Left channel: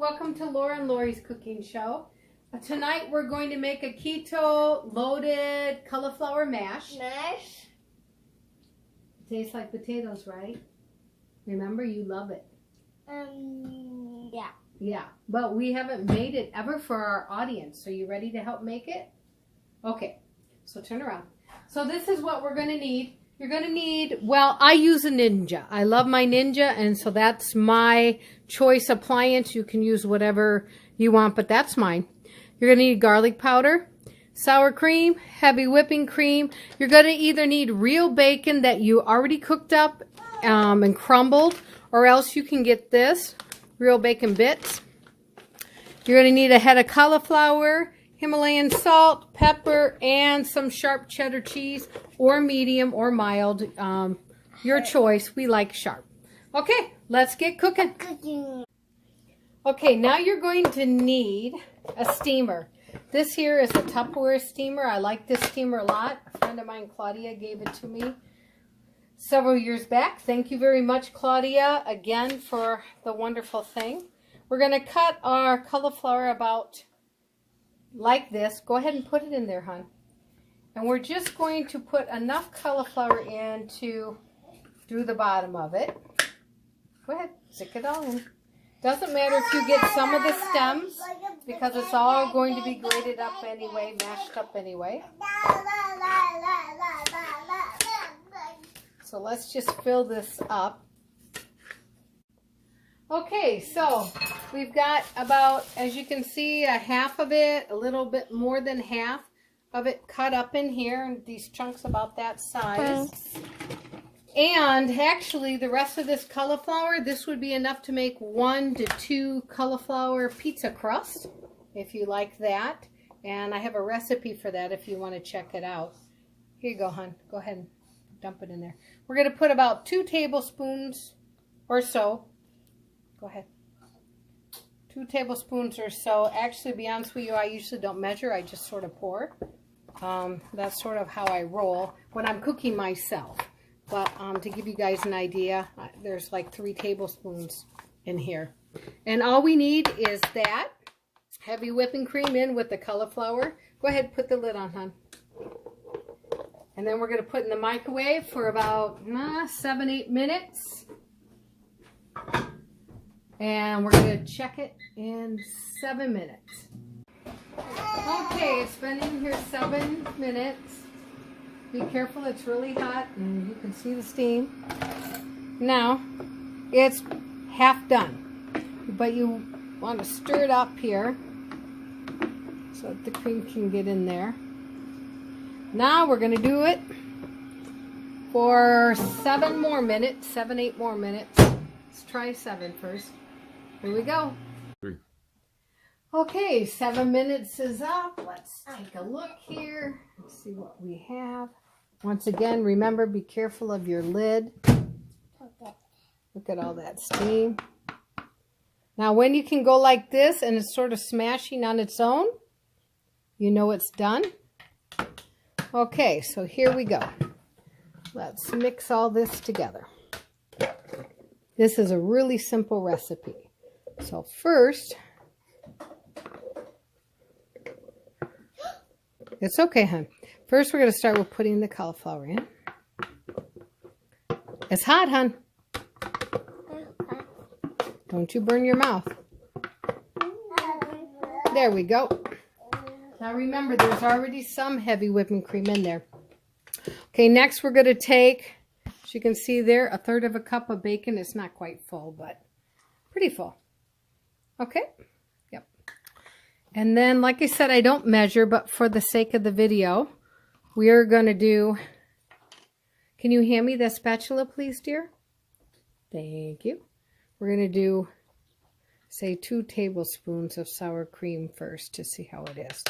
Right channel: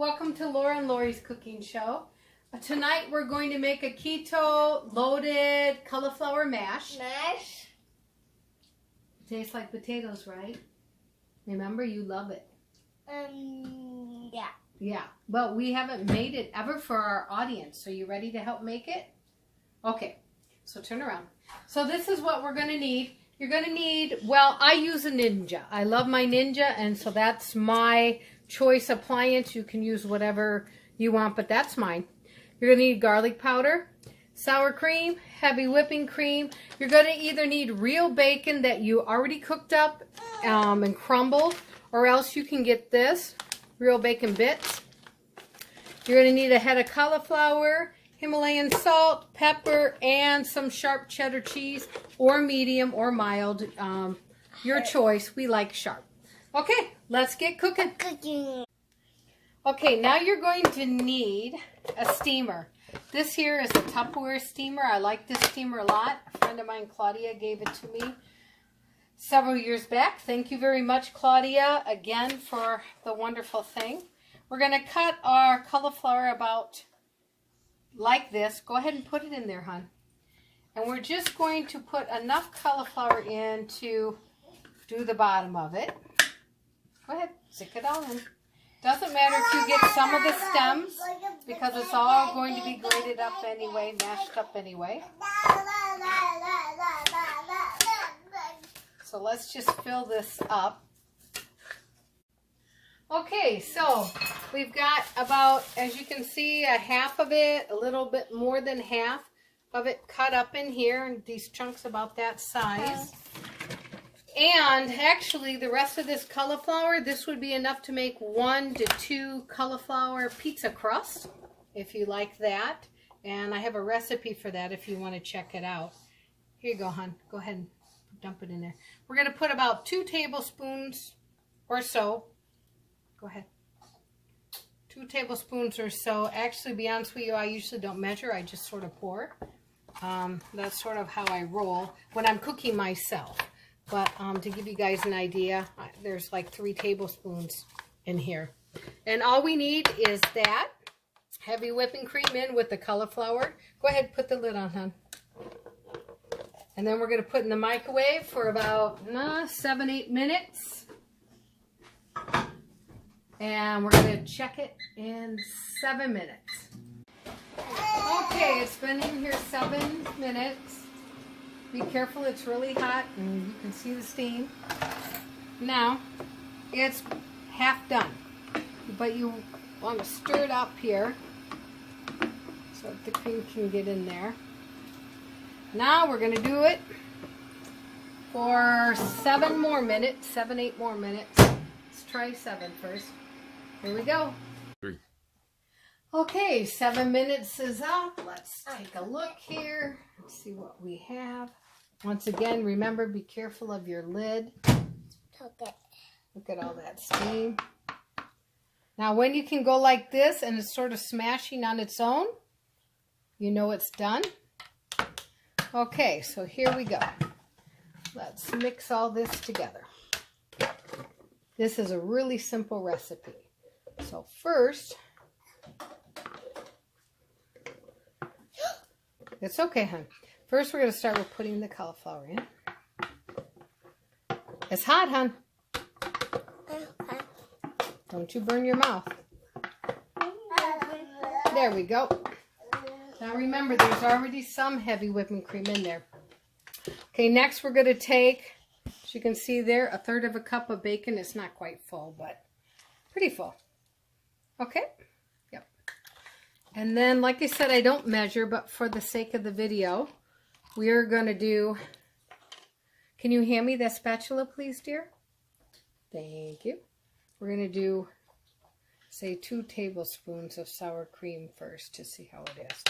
Welcome to Laura and Laurie's cooking show. Tonight we're going to make a keto loaded cauliflower mash. Tastes like potatoes, right? Remember, you love it. Yeah. Yeah, but we haven't made it ever for our audience. So you ready to help make it? Okay, so turn around. So this is what we're going to need. You're going to need, well, I use a Ninja. I love my Ninja, and so that's my choice appliance. You can use whatever you want, but that's mine. You're going to need garlic powder, sour cream, heavy whipping cream. You're going to either need real bacon that you already cooked up and crumbled, or else you can get this, real bacon bits. You're going to need a head of cauliflower, Himalayan salt, pepper, and some sharp cheddar cheese, or medium or mild. Your choice. We like sharp. Okay, let's get cooking. Okay, now you're going to need a steamer. This here is a Tupperware steamer. I like this steamer a lot. A friend of mine, Claudia, gave it to me several years back. Thank you very much, Claudia, again for the wonderful thing. We're going to cut our cauliflower about like this. Go ahead and put it in there, hon. And we're just going to put enough cauliflower in to do the bottom of it. Go ahead, stick it all in. Doesn't matter if you get some of the stems, because it's all going to be grated up anyway, mashed up anyway. So let's just fill this up. Okay, so we've got about, as you can see, a half of it, a little bit more than half of it cut up in here, and these chunks about that size. And actually, the rest of this cauliflower, this would be enough to make 1 to 2 cauliflower pizza crust, if you like that. And I have a recipe for that if you want to check it out. Here you go, hon. Go ahead and dump it in there. We're going to put about 2 tablespoons or so. Go ahead. 2 tablespoons or so. Actually, to be honest with you, I usually don't measure. I just sort of pour. That's sort of how I roll when I'm cooking myself. But to give you guys an idea, there's like 3 tablespoons in here. And all we need is that heavy whipping cream in with the cauliflower. Go ahead, put the lid on, hon. And then we're going to put in the microwave for about 7-8 minutes. And we're going to check it in 7 minutes. Okay, it's been in here 7 minutes. Be careful, it's really hot and you can see the steam. Now, it's half done. But you want to stir it up here so that the cream can get in there. Now we're going to do it for 7 more minutes, 7-8 more minutes. Let's try 7 first. Here we go. 3. Okay, 7 minutes is up. Let's take a look here and see what we have. Once again, remember, be careful of your lid. Look at all that steam. Now, when you can go like this and it's sort of smashing on its own, you know it's done. Okay, so here we go. Let's mix all this together. This is a really simple recipe. So first, it's okay, hon. First, we're going to start with putting the cauliflower in. It's hot, hon. Don't you burn your mouth. There we go. Now remember, there's already some heavy whipping cream in there. Okay, next we're going to take, as you can see there, 1/3 of a cup of bacon. It's not quite full, but pretty full. Okay? Yep. And then, like I said, I don't measure, but for the sake of the video, we are going to do, can you hand me that spatula, please, dear? Thank you. We're going to do, say, 2 tablespoons of sour cream first to see how it is.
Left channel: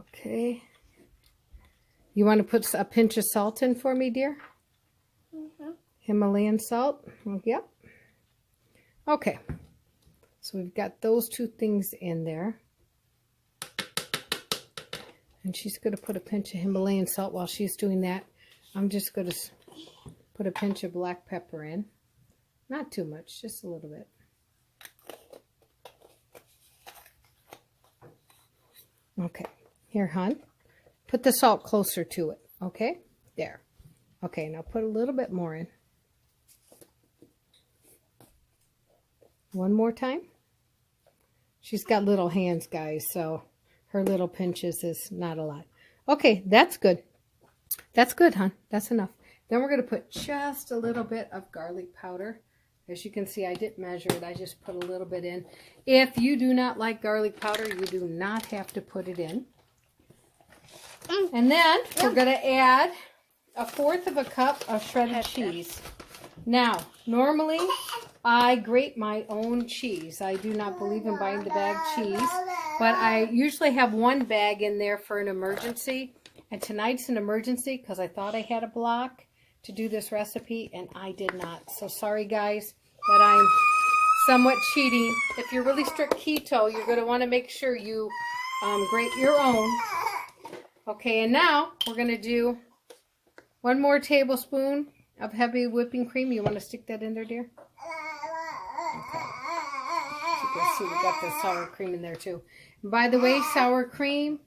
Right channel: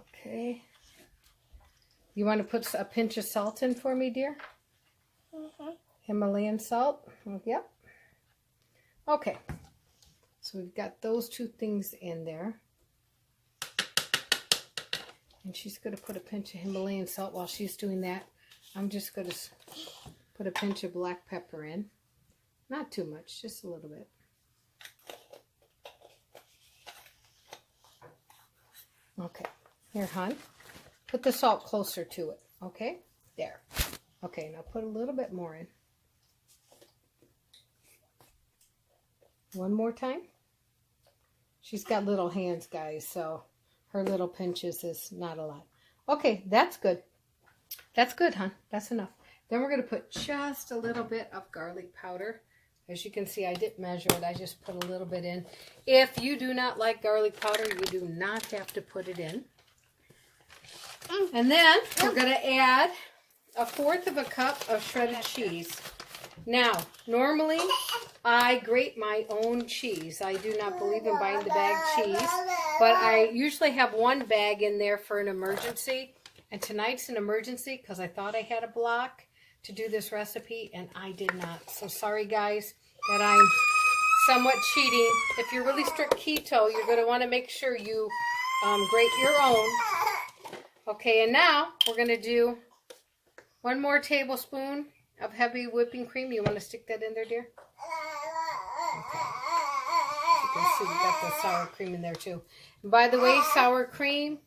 Okay. You want to put a pinch of salt in for me, dear? Himalayan salt? Yep. Okay. So we've got those 2 things in there. And she's going to put a pinch of Himalayan salt while she's doing that. I'm just going to put a pinch of black pepper in. Not too much, just a little bit. Okay, here, hon. Put the salt closer to it, okay? There. Okay, now put a little bit more in. One more time. She's got little hands, guys, so her little pinches is not a lot. Okay, that's good. That's good, hon. That's enough. Then we're going to put just a little bit of garlic powder. As you can see, I didn't measure it. I just put a little bit in. If you do not like garlic powder, you do not have to put it in. And then we're going to add 1/4 of a cup of shredded cheese. Now, normally I grate my own cheese. I do not believe in buying the bag cheese, but I usually have one bag in there for an emergency. And tonight's an emergency because I thought I had a block to do this recipe, and I did not. So sorry, guys, that I'm somewhat cheating. If you're really strict keto, you're going to want to make sure you grate your own. Okay, and now we're going to do 1 more tablespoon of heavy whipping cream. You want to stick that in there, dear? Okay. As you can see, we got the sour cream in there, too. And by the way, sour cream,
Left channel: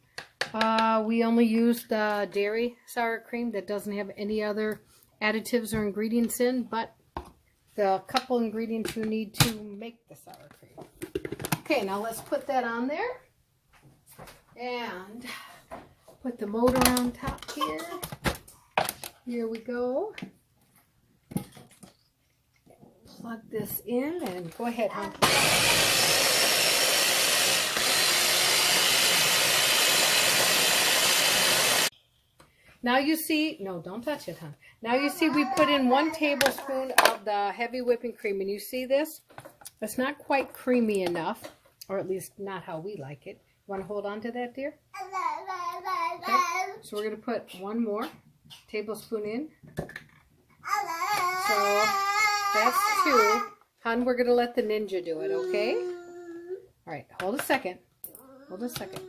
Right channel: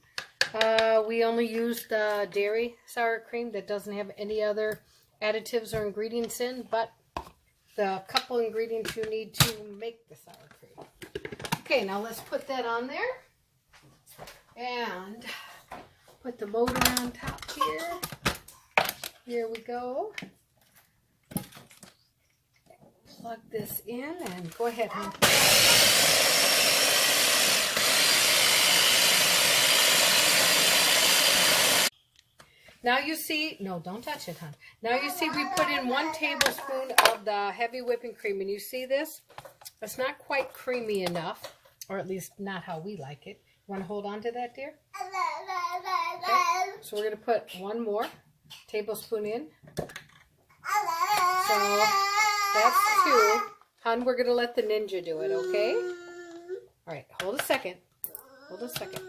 we only used dairy sour cream that doesn't have any other additives or ingredients in, but the couple ingredients you need to make the sour cream. Okay, now let's put that on there and put the motor on top here. Here we go. Plug this in and go ahead, hon. Now you see, no, don't touch it, hon. Now you see we put in 1 tablespoon of the heavy whipping cream, and you see this? It's not quite creamy enough, or at least not how we like it. You want to hold on to that, dear? Okay. So we're going to put 1 more tablespoon in. So that's 2. Hon, we're going to let the ninja do it, okay? All right, hold a second. Hold a second.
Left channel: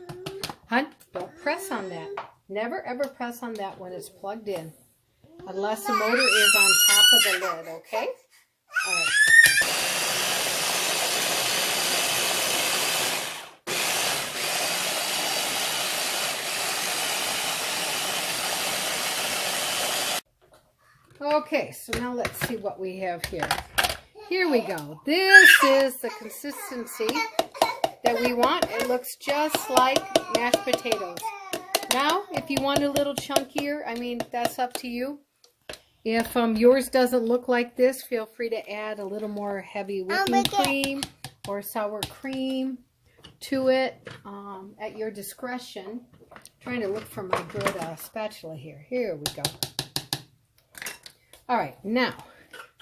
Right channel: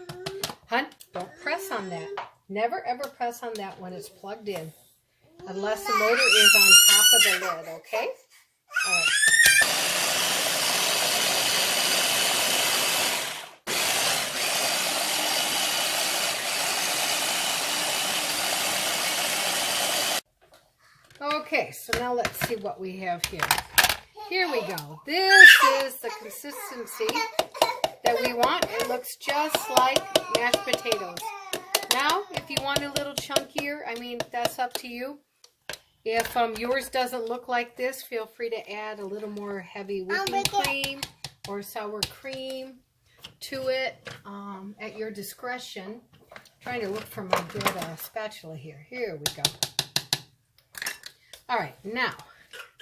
Hon, don't press on that. Never ever press on that when it's plugged in, unless the motor is on top of the lid, okay? All right. Okay, so now let's see what we have here. Here we go. This is the consistency that we want. It looks just like mashed potatoes. Now, if you want a little chunkier, I mean, that's up to you. If yours doesn't look like this, feel free to add a little more heavy whipping cream or sour cream to it at your discretion. I'm trying to look for my good spatula here. Here we go. All right, now,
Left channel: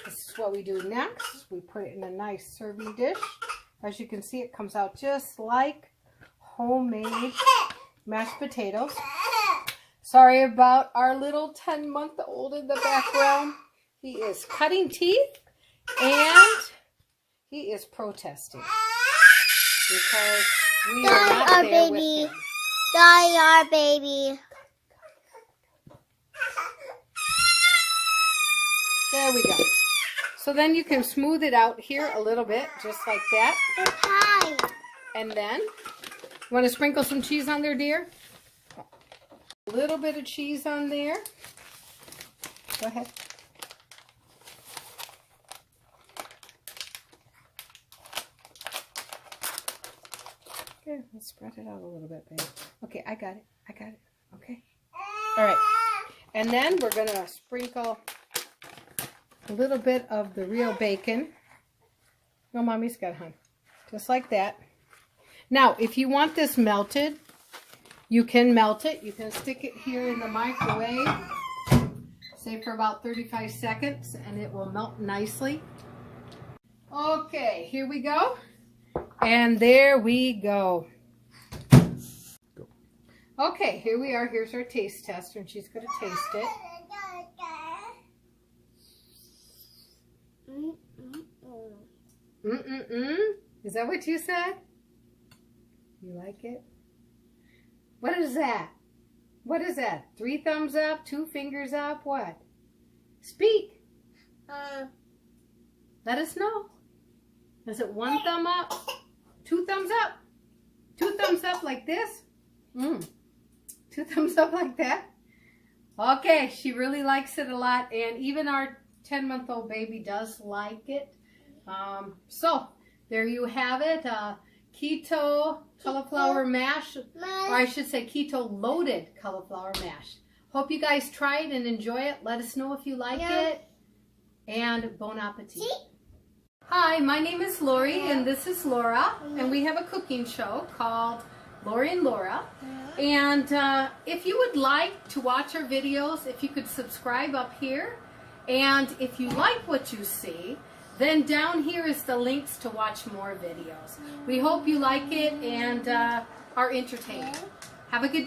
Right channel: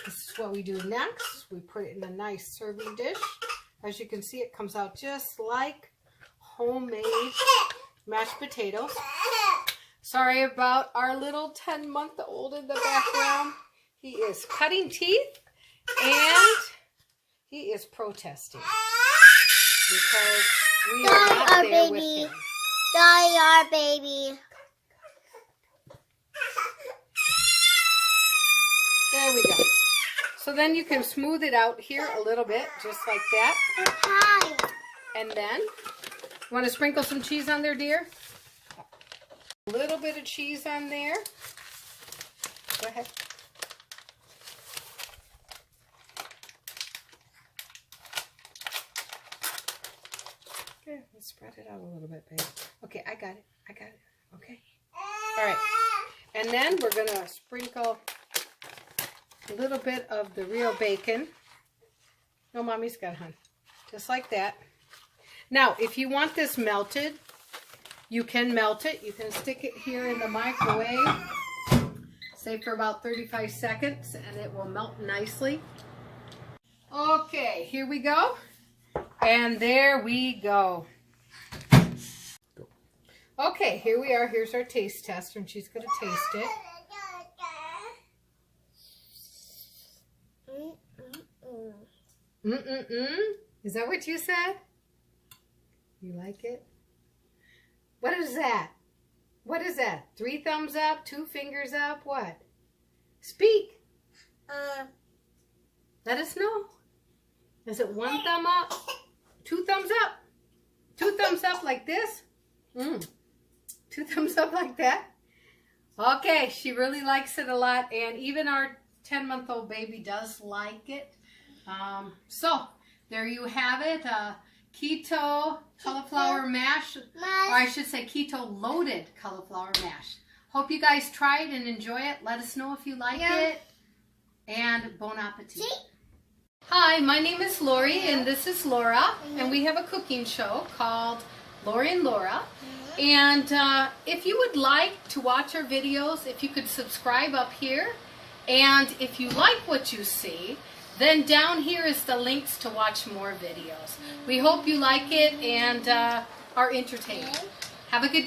this is what we do next. We put it in a nice serving dish. As you can see, it comes out just like homemade mashed potatoes. Sorry about our little 10-month-old in the background. He is cutting teeth and he is protesting because we are not there with him. Die, our baby. There we go. So then you can smooth it out here a little bit, just like that. And then, you want to sprinkle some cheese on there, dear? A little bit of cheese on there. Go ahead. Okay, let's spread it out a little bit, babe. Okay, I got it. I got it. Okay. All right. And then we're going to sprinkle a little bit of the real bacon. No, Mommy's got it, hon. Just like that. Now, if you want this melted, you can melt it. You can stick it here in the microwave, say for about 35 seconds, and it will melt nicely. Okay, here we go. And there we go. Okay, here we are. Here's our taste tester, and she's going to taste it. Is that what you said? You like it? What is that? What is that? 3 thumbs up, 2 fingers up, what? Speak. Let us know. Is it 1 thumb up? 2 thumbs up? 2 thumbs up like this? 2 thumbs up like that? Okay, she really likes it a lot, and even our 10-month-old baby does like it. So, there you have it. Keto cauliflower mash, or I should say keto loaded cauliflower mash. Hope you guys try it and enjoy it. Let us know if you like it. And bon appetit. Hi, my name is Laurie and this is Laura, and we have a cooking show called Laurie and Laura. And if you would like to watch our videos, if you could subscribe up here, and if you like what you see, then down here is the links to watch more videos. We hope you like it and are entertained. Have a good day.